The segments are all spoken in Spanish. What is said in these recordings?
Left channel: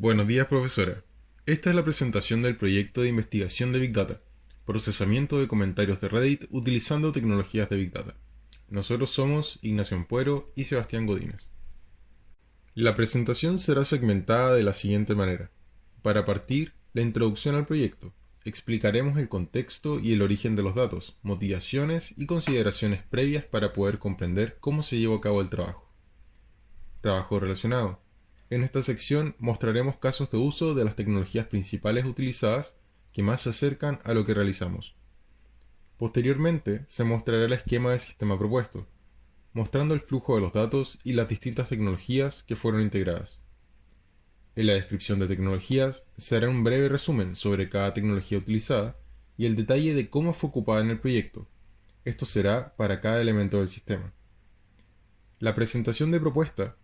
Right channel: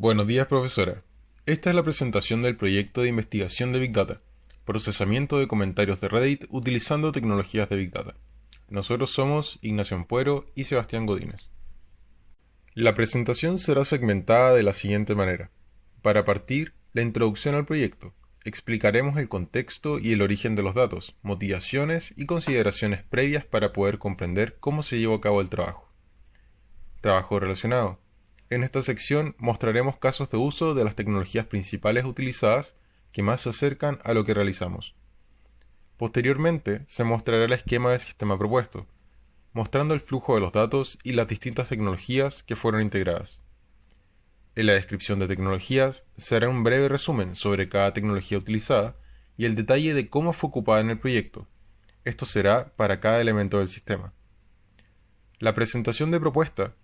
Buenos días, profesora. Esta es la presentación del proyecto de investigación de Big Data, procesamiento de comentarios de Reddit utilizando tecnologías de Big Data. Nosotros somos Ignacio Ampuero y Sebastián Godínez. La presentación será segmentada de la siguiente manera. Para partir, la introducción al proyecto. Explicaremos el contexto y el origen de los datos, motivaciones y consideraciones previas para poder comprender cómo se llevó a cabo el trabajo. Trabajo relacionado. En esta sección mostraremos casos de uso de las tecnologías principales utilizadas que más se acercan a lo que realizamos. Posteriormente se mostrará el esquema del sistema propuesto, mostrando el flujo de los datos y las distintas tecnologías que fueron integradas. En la descripción de tecnologías se hará un breve resumen sobre cada tecnología utilizada y el detalle de cómo fue ocupada en el proyecto. Esto será para cada elemento del sistema. La presentación de propuesta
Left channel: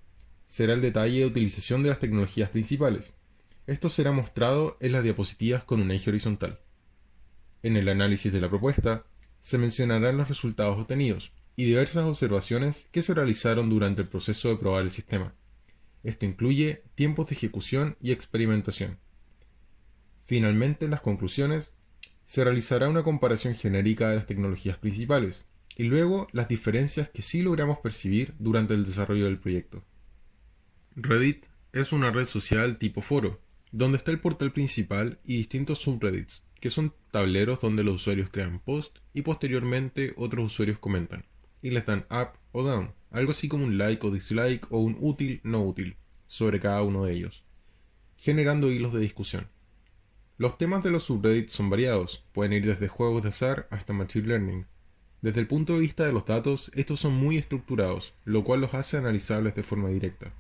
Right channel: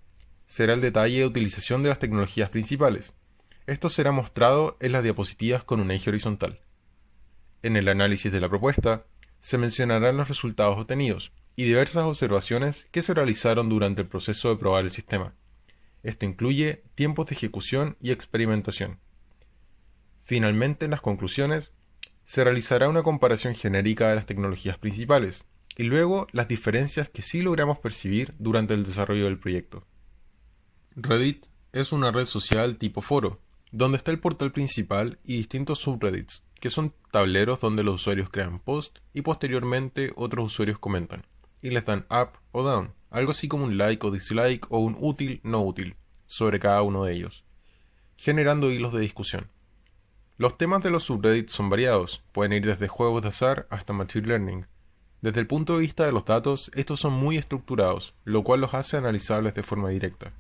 será el detalle de utilización de las tecnologías principales. Esto será mostrado en las diapositivas con un eje horizontal. En el análisis de la propuesta, se mencionarán los resultados obtenidos y diversas observaciones que se realizaron durante el proceso de probar el sistema. Esto incluye tiempos de ejecución y experimentación. Finalmente, en las conclusiones, se realizará una comparación genérica de las tecnologías principales y luego las diferencias que sí logramos percibir durante el desarrollo del proyecto. Reddit es una red social tipo foro, donde está el portal principal y distintos subreddits, que son tableros donde los usuarios crean posts y posteriormente otros usuarios comentan, y les dan up o down, algo así como un like o dislike o un útil no útil, sobre cada uno de ellos, generando hilos de discusión. Los temas de los subreddits son variados, pueden ir desde juegos de azar hasta machine learning. Desde el punto de vista de los datos, estos son muy estructurados, lo cual los hace analizables de forma directa.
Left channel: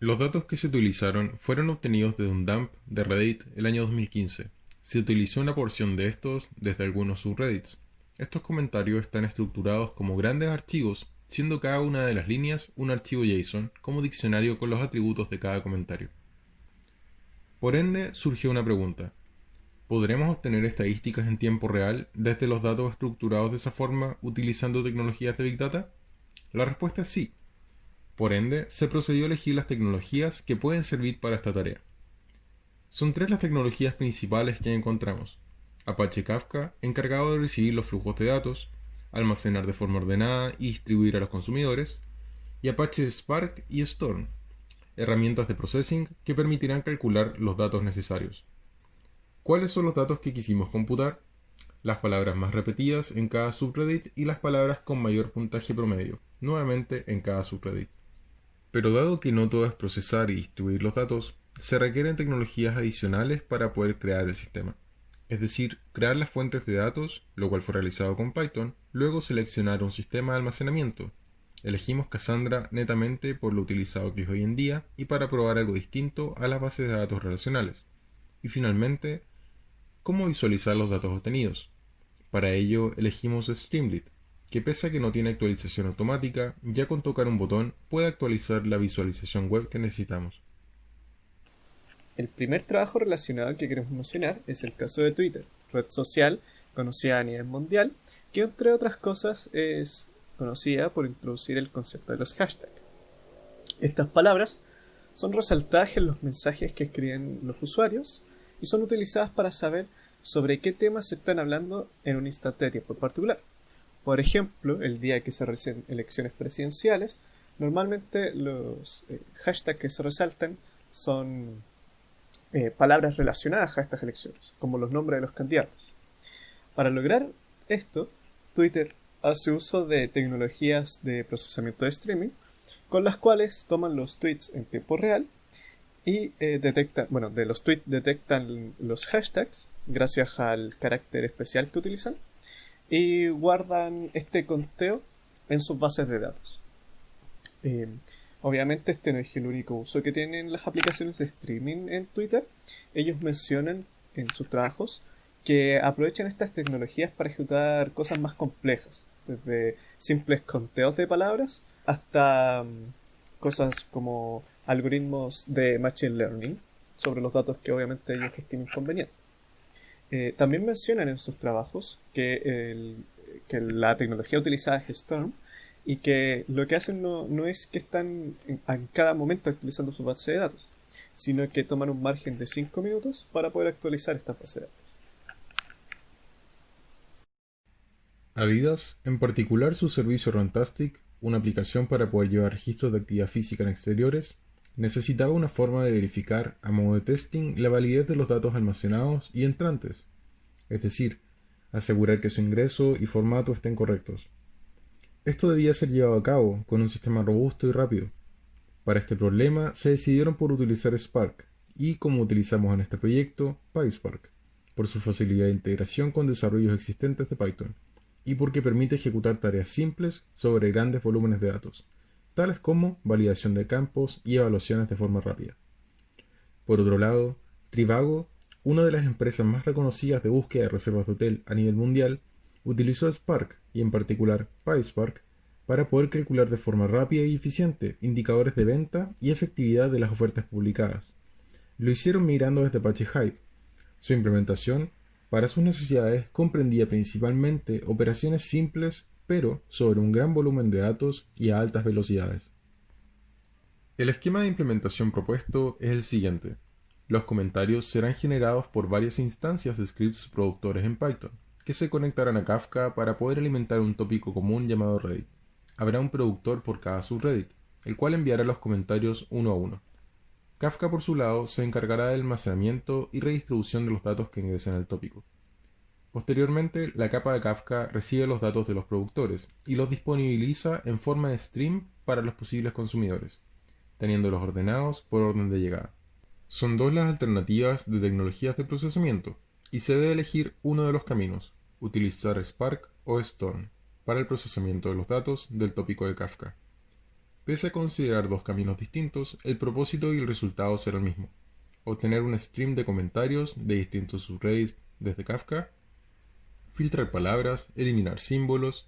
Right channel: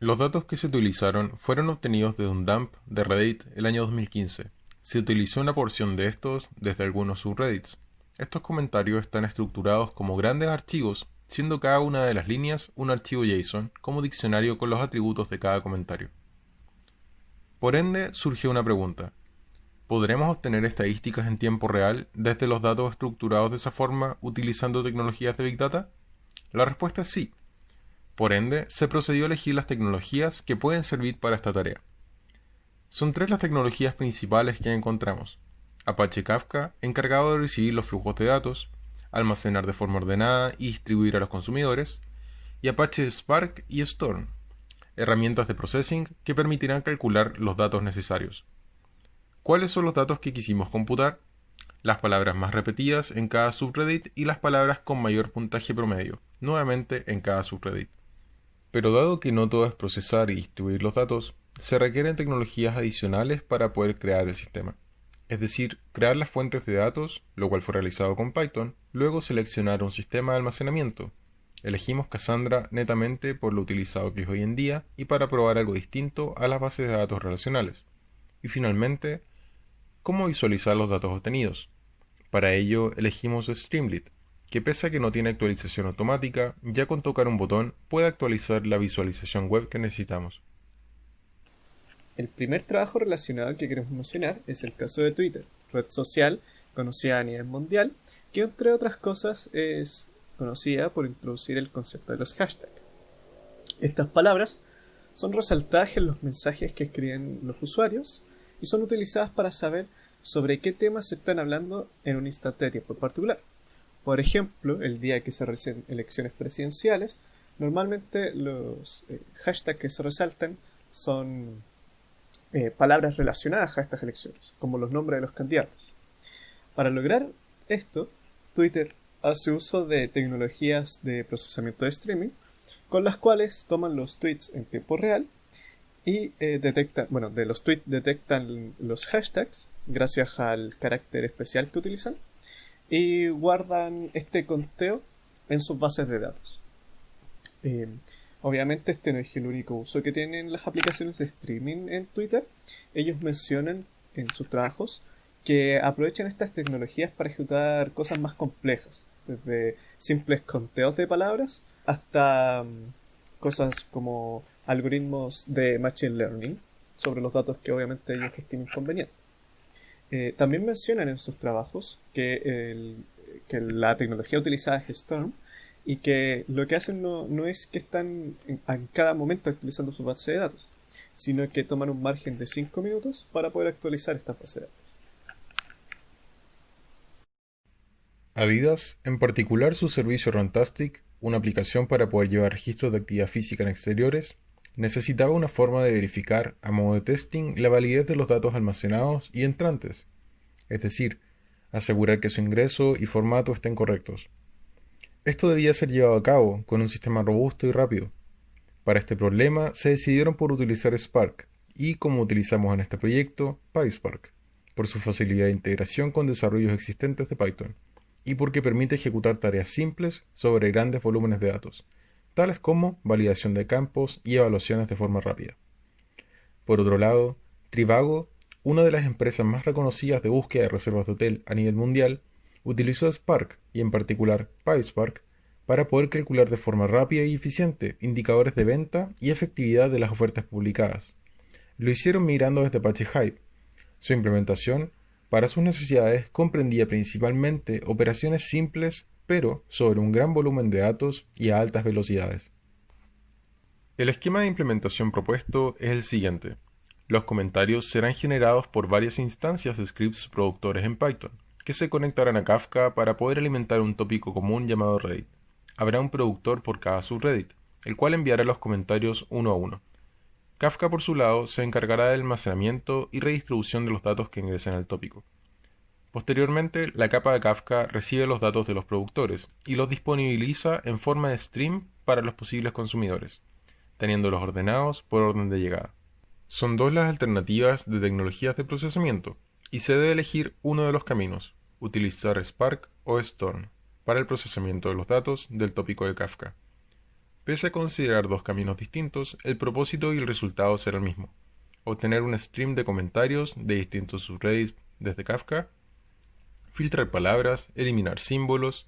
Los datos que se utilizaron fueron obtenidos desde un dump de Reddit el año 2015. Se utilizó una porción de estos desde algunos subreddits. Estos comentarios están estructurados como grandes archivos, siendo cada una de las líneas un archivo JSON como diccionario con los atributos de cada comentario. Por ende, surgió una pregunta. ¿Podremos obtener estadísticas en tiempo real desde los datos estructurados de esa forma utilizando tecnologías de Big Data? La respuesta es sí. Por ende, se procedió a elegir las tecnologías que pueden servir para esta tarea. Son tres las tecnologías principales que encontramos. Apache Kafka, encargado de recibir los flujos de datos, almacenar de forma ordenada y distribuir a los consumidores, y Apache Spark y Storm, herramientas de processing que permitirán calcular los datos necesarios. ¿Cuáles son los datos que quisimos computar? Las palabras más repetidas en cada subreddit y las palabras con mayor puntaje promedio, nuevamente en cada subreddit. Pero dado que no todo es procesar y distribuir los datos, se requieren tecnologías adicionales para poder crear el sistema. Es decir, crear las fuentes de datos, lo cual fue realizado con Python, luego seleccionar un sistema de almacenamiento. Elegimos Cassandra netamente por lo utilizado que es hoy en día y para probar algo distinto a las bases de datos relacionales. Y finalmente, ¿cómo visualizar los datos obtenidos? Para ello elegimos Streamlit, que pese a que no tiene actualización automática, ya con tocar un botón puede actualizar la visualización web que necesitamos. El primer trabajo relacionado que queremos mencionar es el caso de Twitter, red social conocida a nivel mundial, que entre otras cosas es conocida por introducir el concepto de los hashtags. Estas palabras son resaltadas en los mensajes que escriben los usuarios y son utilizadas para saber sobre qué temas se están hablando en un instante de tiempo en particular. Por ejemplo, el día que se realicen elecciones presidenciales, normalmente los hashtags que se resaltan son palabras relacionadas a estas elecciones, como los nombres de los candidatos. Para lograr esto, Twitter hace uso de tecnologías de procesamiento de streaming, con las cuales toman los tweets en tiempo real y de los tweets detectan los hashtags gracias al carácter especial que utilizan y guardan este conteo en sus bases de datos. Obviamente este no es el único uso que tienen las aplicaciones de streaming en Twitter. Ellos mencionan en sus trabajos que aprovechan estas tecnologías para ejecutar cosas más complejas, desde simples conteos de palabras hasta cosas como algoritmos de machine learning sobre los datos que obviamente ellos estimen convenientes. También mencionan en sus trabajos que la tecnología utilizada es Storm y que lo que hacen no es que están en cada momento actualizando su base de datos, sino que toman un margen de 5 minutos para poder actualizar estas bases de datos. Adidas, en particular su servicio Runtastic, una aplicación para poder llevar registros de actividad física en exteriores, necesitaba una forma de verificar a modo de testing la validez de los datos almacenados y entrantes, es decir, asegurar que su ingreso y formato estén correctos. Esto debía ser llevado a cabo con un sistema robusto y rápido. Para este problema se decidieron por utilizar Spark y, como utilizamos en este proyecto, PySpark, por su facilidad de integración con desarrollos existentes de Python y porque permite ejecutar tareas simples sobre grandes volúmenes de datos, tales como validación de campos y evaluaciones de forma rápida. Por otro lado, Trivago, una de las empresas más reconocidas de búsqueda de reservas de hotel a nivel mundial, utilizó Spark y en particular PySpark para poder calcular de forma rápida y eficiente indicadores de venta y efectividad de las ofertas publicadas. Lo hicieron migrando desde Apache Hive. Su implementación, para sus necesidades, comprendía principalmente operaciones simples, pero sobre un gran volumen de datos y a altas velocidades. El esquema de implementación propuesto es el siguiente. Los comentarios serán generados por varias instancias de scripts productores en Python, que se conectarán a Kafka para poder alimentar un tópico común llamado Reddit. Habrá un productor por cada subreddit, el cual enviará los comentarios uno a uno. Kafka, por su lado, se encargará del almacenamiento y redistribución de los datos que ingresen al tópico. Posteriormente, la capa de Kafka recibe los datos de los productores y los disponibiliza en forma de stream para los posibles consumidores, teniéndolos ordenados por orden de llegada. Son dos las alternativas de tecnologías de procesamiento, y se debe elegir uno de los caminos, utilizar Spark o Storm, para el procesamiento de los datos del tópico de Kafka. Pese a considerar dos caminos distintos, el propósito y el resultado será el mismo: obtener un stream de comentarios de distintos subreddits desde Kafka, filtrar palabras, eliminar símbolos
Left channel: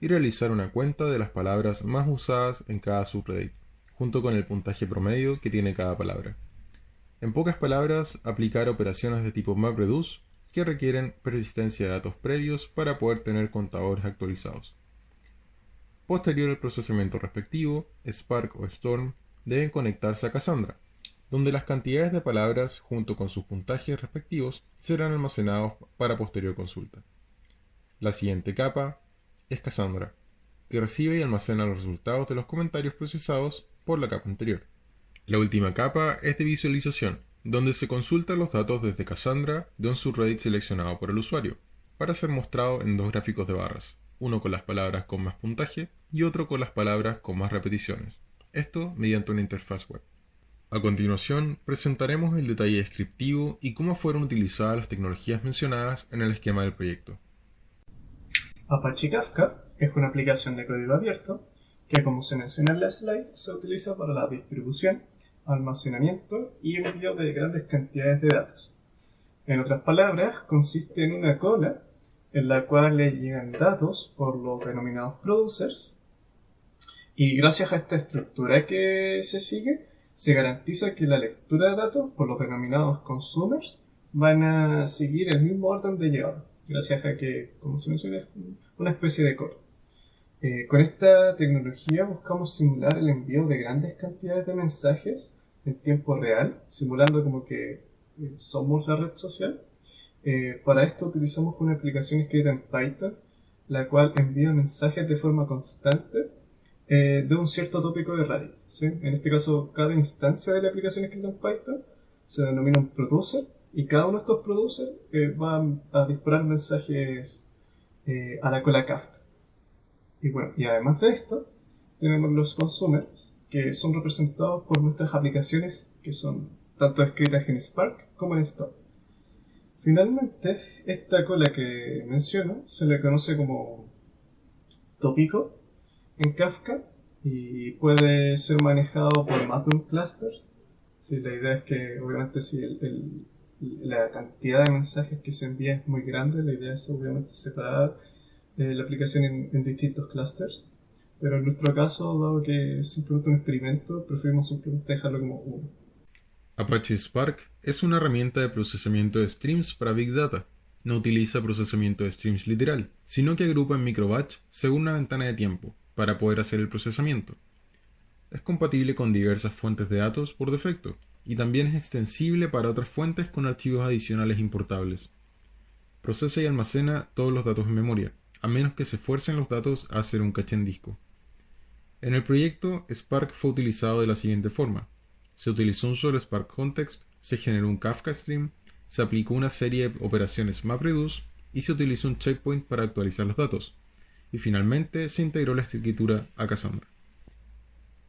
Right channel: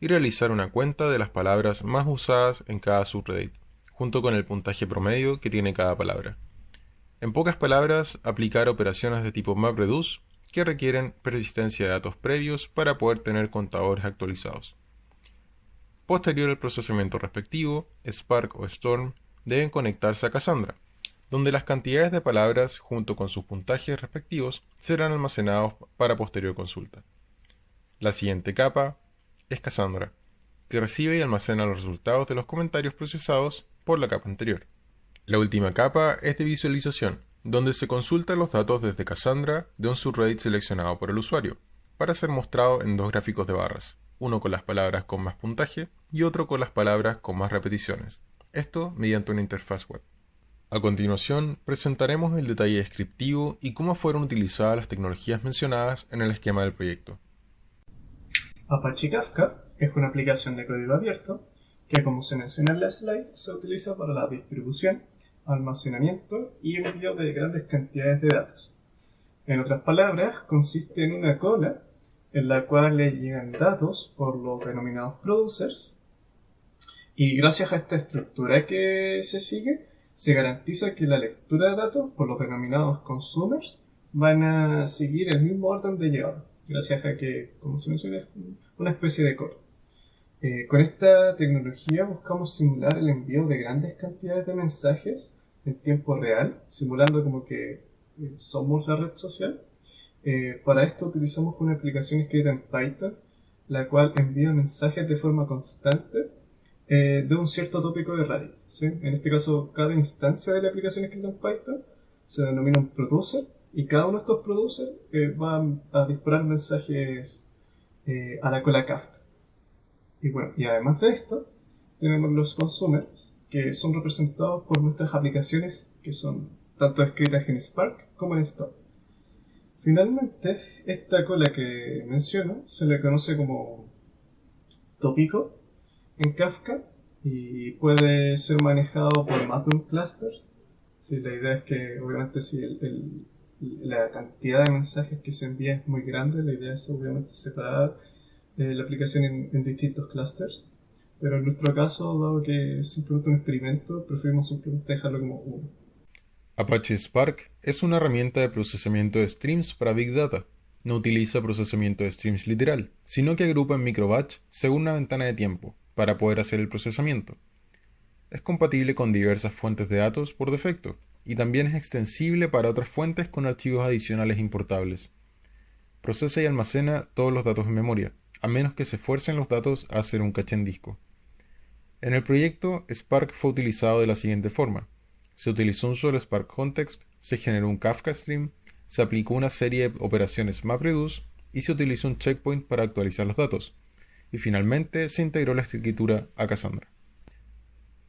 y realizar una cuenta de las palabras más usadas en cada subreddit, junto con el puntaje promedio que tiene cada palabra. En pocas palabras, aplicar operaciones de tipo MapReduce que requieren persistencia de datos previos para poder tener contadores actualizados. Posterior al procesamiento respectivo, Spark o Storm deben conectarse a Cassandra, donde las cantidades de palabras junto con sus puntajes respectivos serán almacenados para posterior consulta. La siguiente capa es Cassandra, que recibe y almacena los resultados de los comentarios procesados por la capa anterior. La última capa es de visualización, donde se consultan los datos desde Cassandra de un subreddit seleccionado por el usuario, para ser mostrado en dos gráficos de barras, uno con las palabras con más puntaje y otro con las palabras con más repeticiones, esto mediante una interfaz web. A continuación, presentaremos el detalle descriptivo y cómo fueron utilizadas las tecnologías mencionadas en el esquema del proyecto. Apache Kafka es una aplicación de código abierto que, como se menciona en la slide, se utiliza para la distribución, almacenamiento y envío de grandes cantidades de datos. En otras palabras, consiste en una cola en la cual le llegan datos por los denominados producers, y gracias a esta estructura que se sigue, se garantiza que la lectura de datos por los denominados consumers van a seguir el mismo orden de llegada, gracias a que, como se menciona, es una especie de cola. Con esta tecnología buscamos simular el envío de grandes cantidades de mensajes en tiempo real, simulando como que somos la red social. Para esto utilizamos una aplicación escrita en Python, la cual envía mensajes de forma constante de un cierto tópico de Reddit, ¿sí? En este caso, cada instancia de la aplicación escrita en Python se denomina un producer, y cada uno de estos producers va a disparar mensajes a la cola Kafka. Y bueno, y además de esto, tenemos los consumers, que son representados por nuestras aplicaciones, que son tanto escritas en Spark como en Storm. Finalmente, esta cola que menciono se le conoce como tópico en Kafka y puede ser manejado por más de un cluster. Sí, la idea es que, obviamente, si la cantidad de mensajes que se envía es muy grande, la idea es obviamente separar la aplicación en distintos clusters. Pero en nuestro caso, dado que es simplemente un experimento, preferimos simplemente dejarlo como uno. Apache Spark es una herramienta de procesamiento de streams para Big Data. No utiliza procesamiento de streams literal, sino que agrupa en microbatch según una ventana de tiempo, para poder hacer el procesamiento. es compatible con diversas fuentes de datos por defecto, y también es extensible para otras fuentes con archivos adicionales importables. Procesa y almacena todos los datos en memoria, a menos que se fuercen los datos a hacer un caché en disco. En el proyecto, Spark fue utilizado de la siguiente forma. Se utilizó un solo Spark Context, se generó un Kafka Stream, se aplicó una serie de operaciones MapReduce y se utilizó un checkpoint para actualizar los datos. Y finalmente se integró la escritura a Cassandra.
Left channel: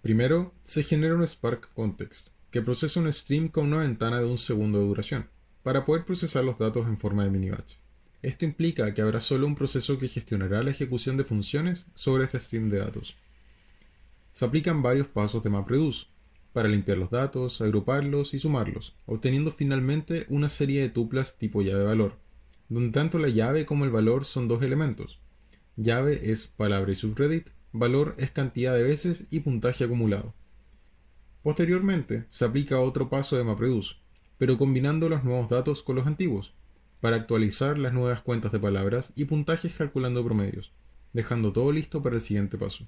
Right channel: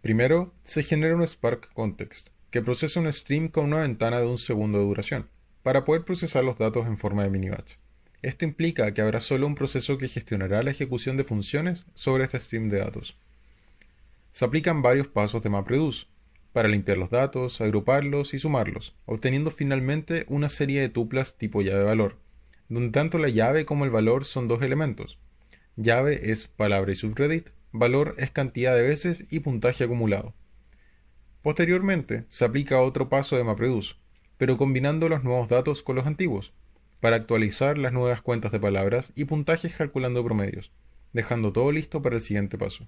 Primero, se genera un Spark Context, que procesa un stream con una ventana de 1 segundo de duración, para poder procesar los datos en forma de mini-batch. Esto implica que habrá solo un proceso que gestionará la ejecución de funciones sobre este stream de datos. Se aplican varios pasos de MapReduce, para limpiar los datos, agruparlos y sumarlos, obteniendo finalmente una serie de tuplas tipo llave-valor, donde tanto la llave como el valor son dos elementos. Llave es palabra y subreddit, valor es cantidad de veces y puntaje acumulado. Posteriormente, se aplica otro paso de MapReduce, pero combinando los nuevos datos con los antiguos, para actualizar las nuevas cuentas de palabras y puntajes calculando promedios, dejando todo listo para el siguiente paso.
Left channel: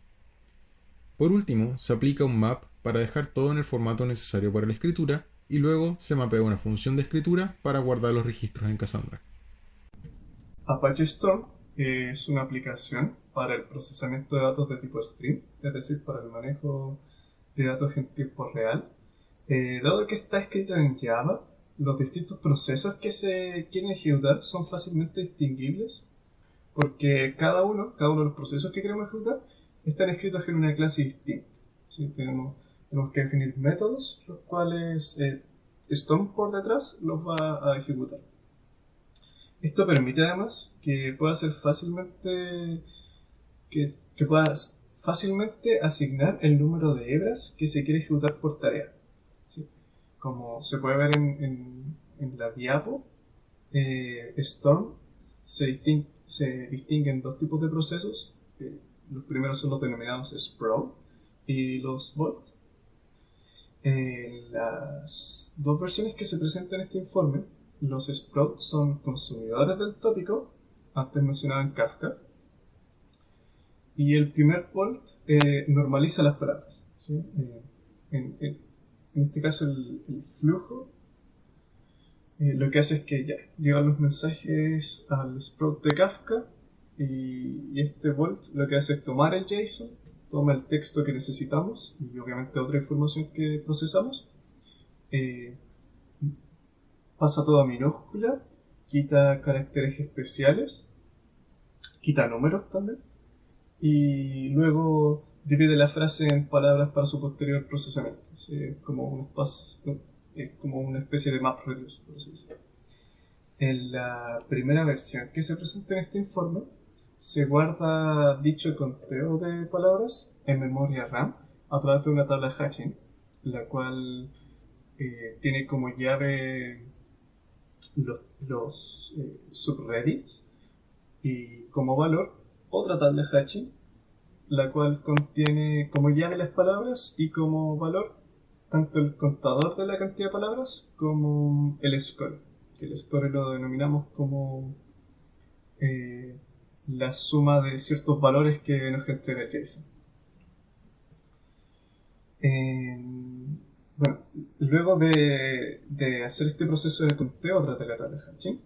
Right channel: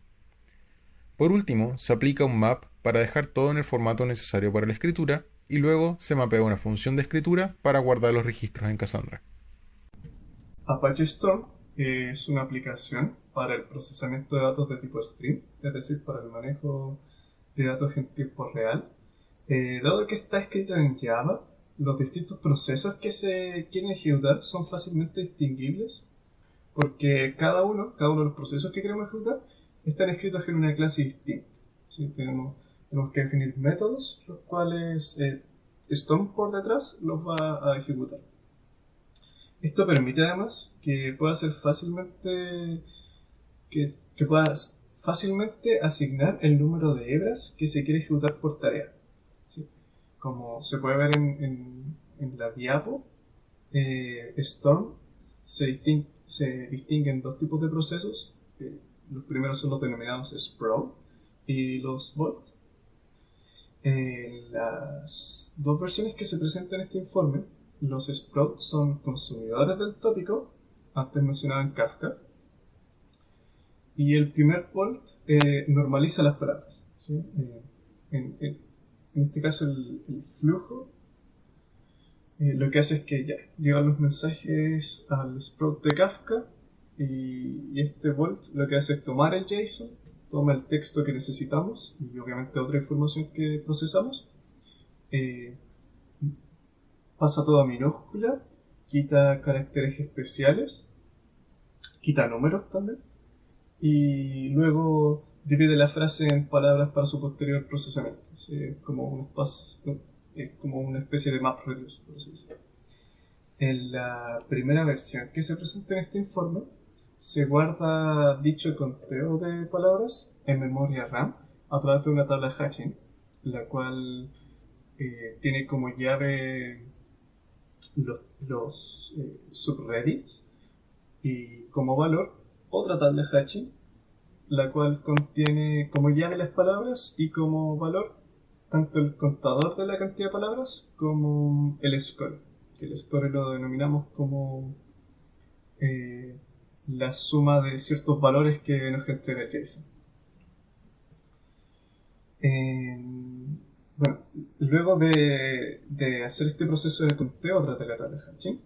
Por último, se aplica un map para dejar todo en el formato necesario para la escritura y luego se mapea una función de escritura para guardar los registros en Cassandra. Apache Storm es una aplicación para el procesamiento de datos de tipo stream, es decir, para el manejo de datos en tiempo real. Dado que está escrita en Java, los distintos procesos que se quieren ejecutar son fácilmente distinguibles porque cada uno de los procesos que queremos ejecutar están escritos en una clase distinta. ¿Sí? Tenemos que definir métodos, los cuales Storm por detrás los va a ejecutar. Esto permite además que puedas fácilmente asignar el número de hebras que se quiere ejecutar por tarea. ¿Sí? Como se puede ver en la diapo, Storm se distingue en dos tipos de procesos. Los primeros son los denominados Sprout y los Bolt. Las dos versiones que se presentan en este informe, los Sprouts son consumidores del tópico, antes mencionado en Kafka, y el primer Bolt normaliza las palabras. ¿Sí? En este caso el flujo lo que hace es que ya llegan los mensajes al Sprout de Kafka y este Bolt lo que hace es tomar el JSON, toma el texto que necesitamos y obviamente otra información que procesamos, pasa todo a minúscula, quita caracteres especiales, quita números también y luego divide la frase en palabras para su posterior procesamiento. ¿Sí? Es como una especie de MapReduce, por así decirlo. En la primera versión que se presenta en este informe, se guarda dicho conteo de palabras en memoria RAM a través de una tabla hashing, la cual tiene como llave los subreddits y como valor otra tabla hashing, la cual contiene como llave las palabras y como valor tanto el contador de la cantidad de palabras como el score, que el score lo denominamos como la suma de ciertos valores que nos entrega JSON. Bueno, luego de hacer este proceso de conteo a través de la tabla hashing,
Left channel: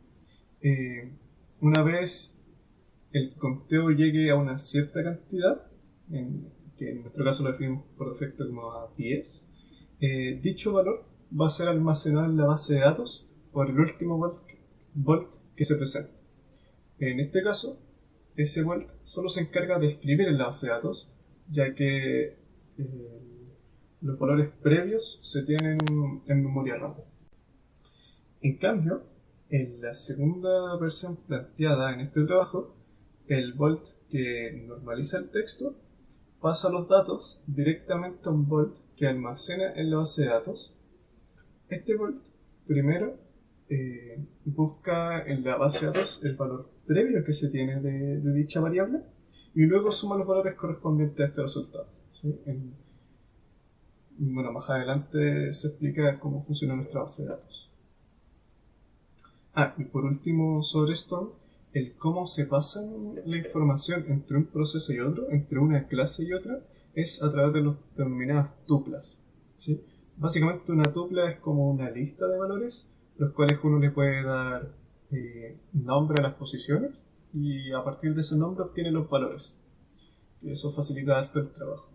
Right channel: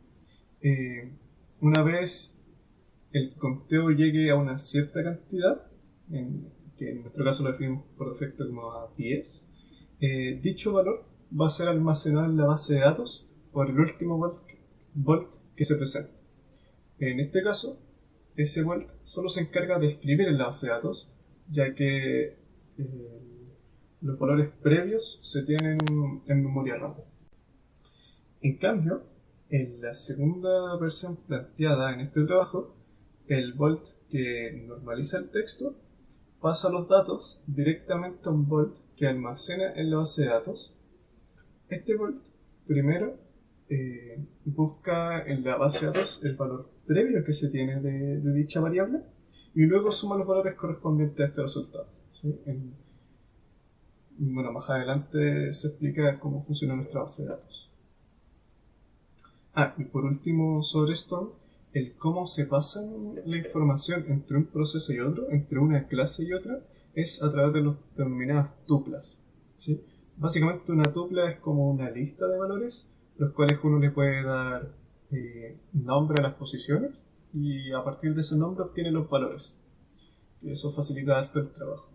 una vez el conteo llegue a una cierta cantidad, que en nuestro caso lo definimos por defecto como a 10, dicho valor va a ser almacenado en la base de datos por el último Bolt que se presenta. En este caso, ese Bolt solo se encarga de escribir en la base de datos, ya que los valores previos se tienen en memoria RAM. En cambio, en la segunda versión planteada en este trabajo, el Bolt que normaliza el texto pasa los datos directamente a un Bolt que almacena en la base de datos. Este Bolt primero busca en la base de datos el valor previo que se tiene de dicha variable y luego suma los valores correspondientes a este resultado. ¿Sí? Bueno, más adelante se explica cómo funciona nuestra base de datos. Y por último sobre esto, el cómo se pasa la información entre un proceso y otro, entre una clase y otra, es a través de las denominadas tuplas, ¿sí? Básicamente una tupla es como una lista de valores, los cuales uno le puede dar nombre a las posiciones y a partir de ese nombre obtiene los valores. Y eso facilita harto el trabajo.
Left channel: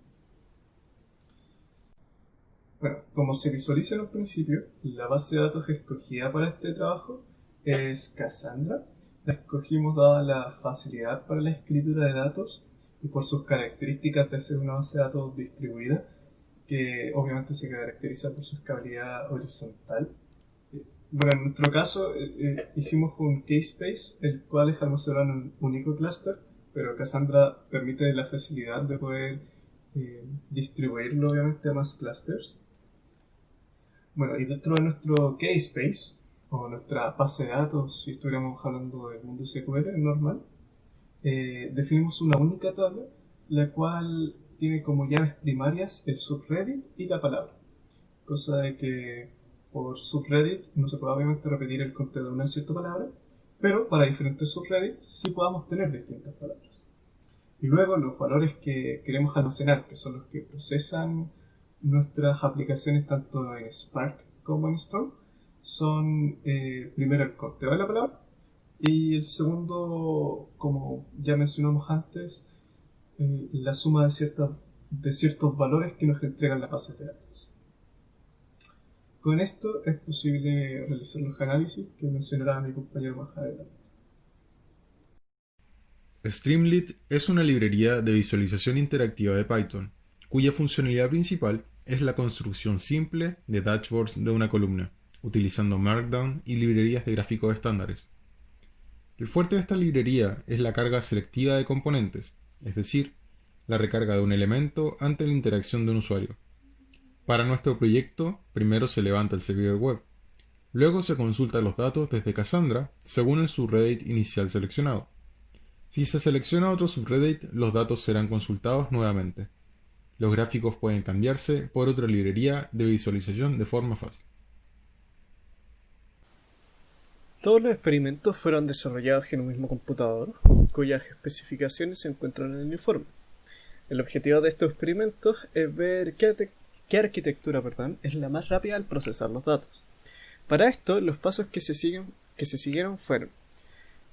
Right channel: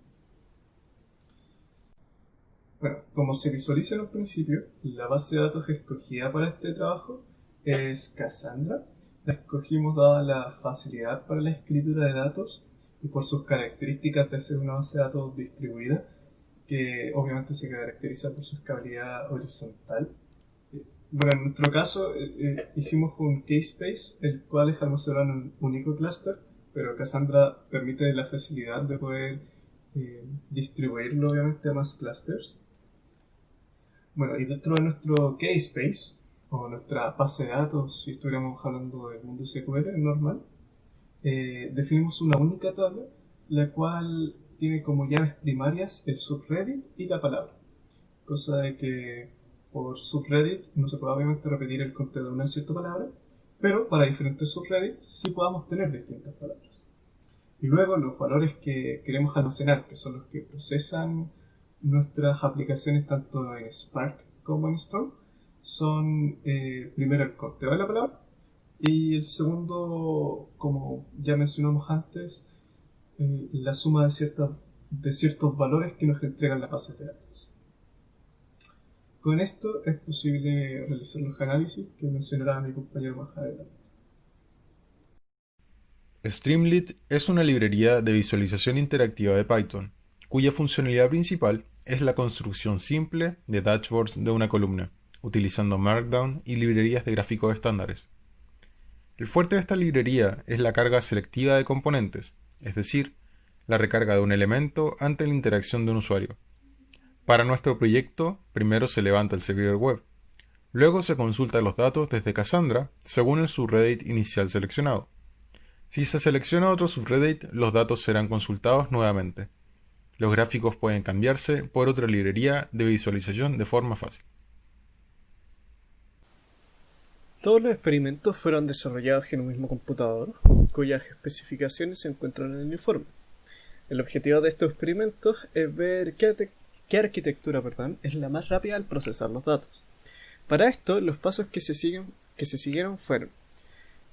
Bueno, como se visualiza en un principio, la base de datos escogida para este trabajo es Cassandra. La escogimos dada la facilidad para la escritura de datos y por sus características de ser una base de datos distribuida, que obviamente se caracteriza por su escalabilidad horizontal. Bueno, en nuestro caso hicimos un K-Space, el cual es almacenado en un único clúster, pero Cassandra permite la facilidad de poder distribuirlo obviamente a más clusters. Bueno, y dentro de nuestro K-Space, o nuestra base de datos, si estuviéramos hablando del mundo SQL normal, definimos una única tabla, la cual tiene como llaves primarias el subreddit y la palabra. Cosa de que por subreddit no se puede obviamente repetir el contenido de una cierta palabra, pero para diferentes subreddits sí podamos tener distintas palabras. Y luego los valores que queremos almacenar, que son los que procesan nuestras aplicaciones tanto en Spark como en Storm, son primero el conteo de la palabra y el segundo, como ya mencionamos antes, la suma de ciertos valores que nos entregan las bases de datos. Con esto es posible realizar los análisis que mencionará mi compañero más adelante. Streamlit es una librería de visualización interactiva de Python, cuya funcionalidad principal es la construcción simple de dashboards de una columna, utilizando Markdown y librerías de gráficos estándares. El fuerte de esta librería es la carga selectiva de componentes, es decir, la recarga de un elemento ante la interacción de un usuario. Para nuestro proyecto, primero se levanta el servidor web, luego se consultan los datos desde Cassandra según el subreddit inicial seleccionado. Si se selecciona otro subreddit, los datos serán consultados nuevamente. Los gráficos pueden cambiarse por otra librería de visualización de forma fácil. Todos los experimentos fueron desarrollados en un mismo computador, cuyas especificaciones se encuentran en el informe. El objetivo de estos experimentos es ver qué arquitectura es la más rápida al procesar los datos. Para esto, los pasos que se siguieron fueron:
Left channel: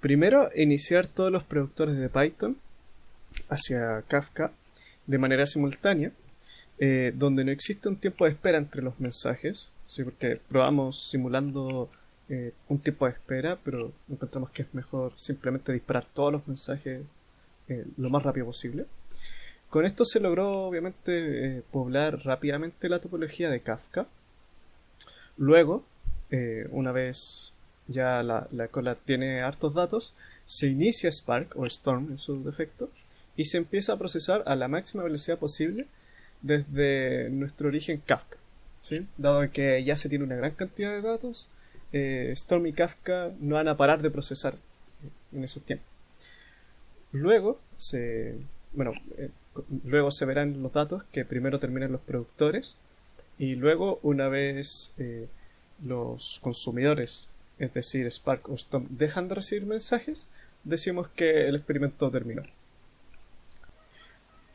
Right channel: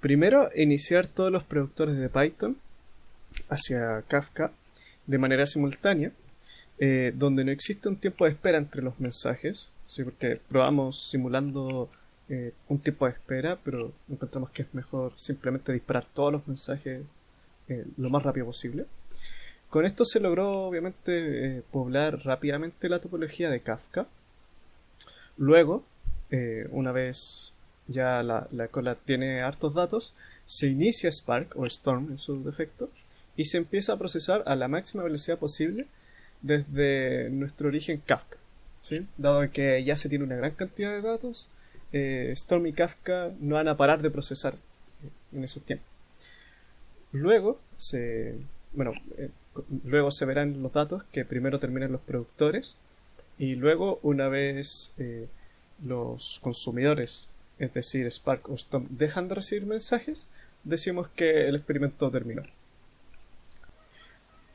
primero, iniciar todos los productores de Python hacia Kafka de manera simultánea, donde no existe un tiempo de espera entre los mensajes, ¿sí? Porque probamos simulando un tiempo de espera, pero encontramos que es mejor simplemente disparar todos los mensajes lo más rápido posible. Con esto se logró obviamente poblar rápidamente la topología de Kafka. Luego, una vez ya la cola tiene hartos datos, se inicia Spark o Storm en su defecto y se empieza a procesar a la máxima velocidad posible desde nuestro origen Kafka, ¿sí? Dado que ya se tiene una gran cantidad de datos, Storm y Kafka no van a parar de procesar en esos tiempos. Luego se verán los datos que primero terminan los productores y luego, una vez los consumidores, es decir, Spark o Storm, dejan de recibir mensajes, decimos que el experimento terminó.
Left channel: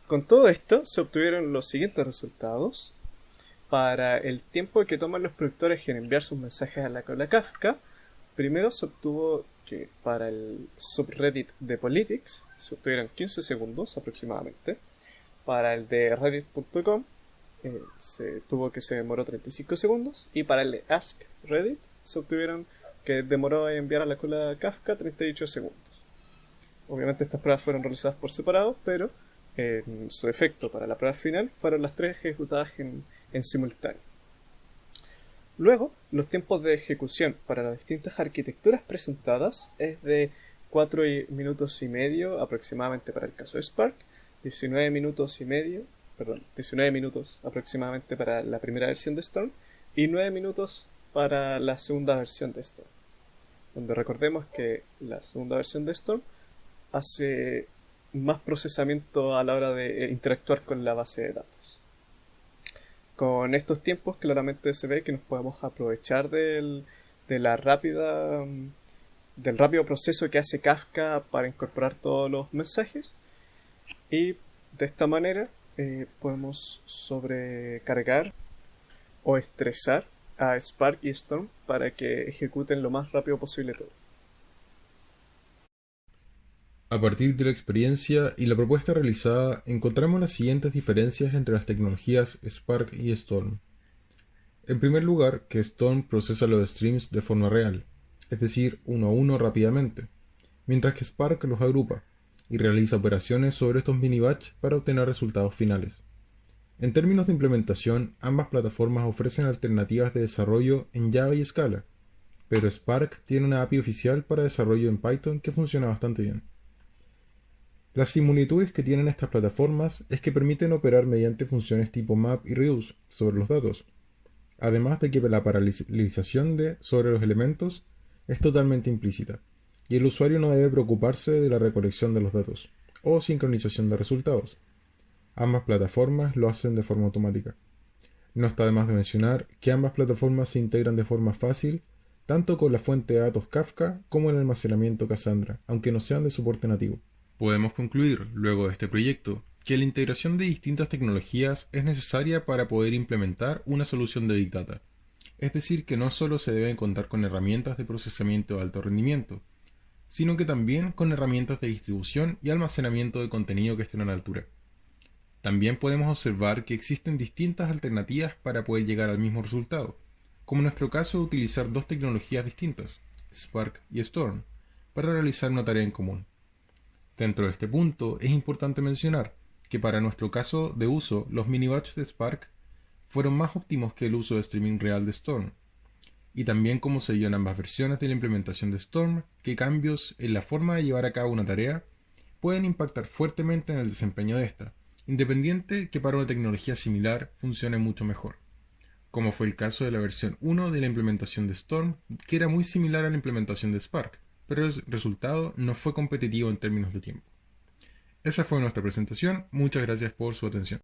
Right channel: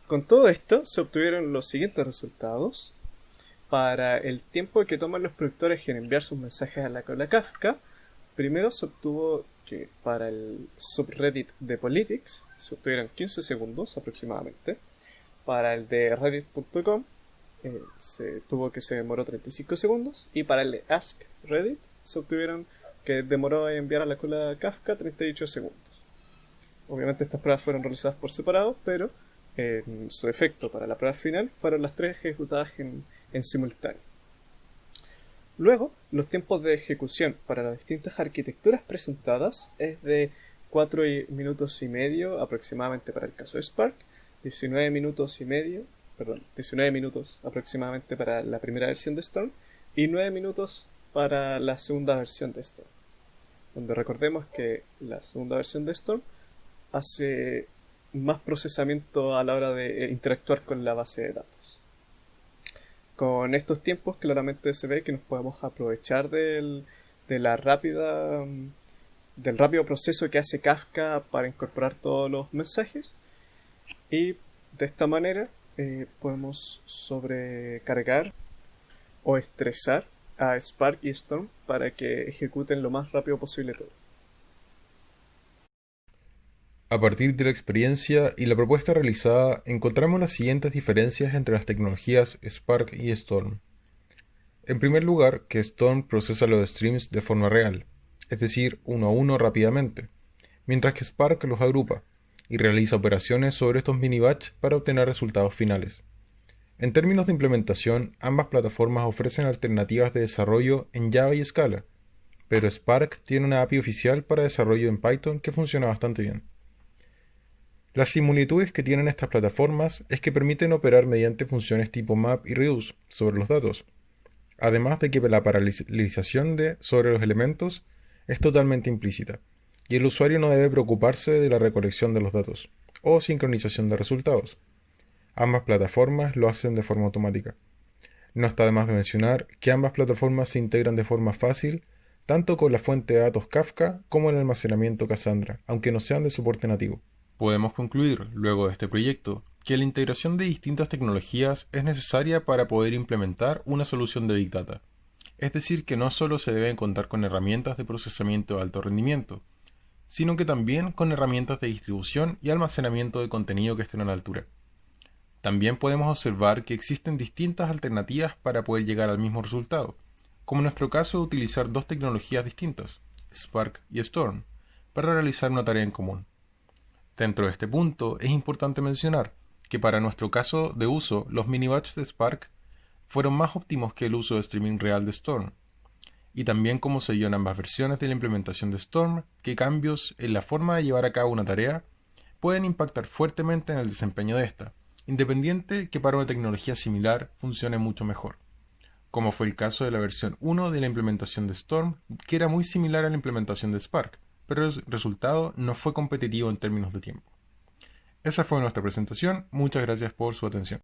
Con todo esto se obtuvieron los siguientes resultados. Para el tiempo que toman los productores en enviar sus mensajes a la cola Kafka, primero se obtuvo que para el subreddit de Politics se obtuvieron 15 segundos aproximadamente. Para el de reddit.com se demoró 35 segundos. Y para el de Ask Reddit se obtuvieron que demoró en enviar a la cola Kafka 38 segundos. Obviamente estas pruebas fueron realizadas por separado, pero en su efecto para la prueba final fueron las tres ejecutadas en simultáneo. Luego, los tiempos de ejecución para las distintas arquitecturas presentadas es de 4 minutos y medio aproximadamente para el caso de Spark, 19 minutos aproximadamente para la primera versión de Storm y 9 minutos para la segunda versión de Storm. Donde recordemos que la segunda versión de Storm hace más procesamiento a la hora de interactuar con la base de datos. Con estos tiempos claramente se ve que nos podemos aprovechar del rápido proceso que hace Kafka para incorporar todos los mensajes, y de esta manera podemos sobrecargar o estresar a Spark y Storm para que ejecuten lo más rápido posible todo. A partir de la experiencia y la propuesta realizada, encontramos las siguientes diferencias entre las tecnologías Spark y Storm. En primer lugar, que Storm procesa los streams de forma real, es decir, uno a uno rápidamente, mientras que Spark los agrupa y realiza operaciones sobre estos mini-batch para obtener resultados finales. En términos de implementación, ambas plataformas ofrecen alternativas de desarrollo en Java y Scala, pero Spark tiene una API oficial para desarrollo en Python que funciona bastante bien. Las similitudes que tienen estas plataformas es que permiten operar mediante funciones tipo map y reduce sobre los datos, además de que la paralelización sobre los elementos es totalmente implícita, y el usuario no debe preocuparse de la recolección de los datos o sincronización de resultados. Ambas plataformas lo hacen de forma automática. No está de más de mencionar que ambas plataformas se integran de forma fácil tanto con la fuente de datos Kafka como el almacenamiento Cassandra, aunque no sean de soporte nativo. Podemos concluir, luego de este proyecto, que la integración de distintas tecnologías es necesaria para poder implementar una solución de Big Data. Es decir, que no solo se deben contar con herramientas de procesamiento de alto rendimiento, sino que también con herramientas de distribución y almacenamiento de contenido que estén a la altura. También podemos observar que existen distintas alternativas para poder llegar al mismo resultado, como en nuestro caso utilizar dos tecnologías distintas, Spark y Storm, para realizar una tarea en común. Dentro de este punto, es importante mencionar que para nuestro caso de uso, los mini-batch de Spark fueron más óptimos que el uso de streaming real de Storm, y también como se vio en ambas versiones de la implementación de Storm, que cambios en la forma de llevar a cabo una tarea pueden impactar fuertemente en el desempeño de esta, independiente que para una tecnología similar funcione mucho mejor, como fue el caso de la versión 1 de la implementación de Storm, que era muy similar a la implementación de Spark, pero el resultado no fue competitivo en términos de tiempo. Esa fue nuestra presentación, muchas gracias por su atención.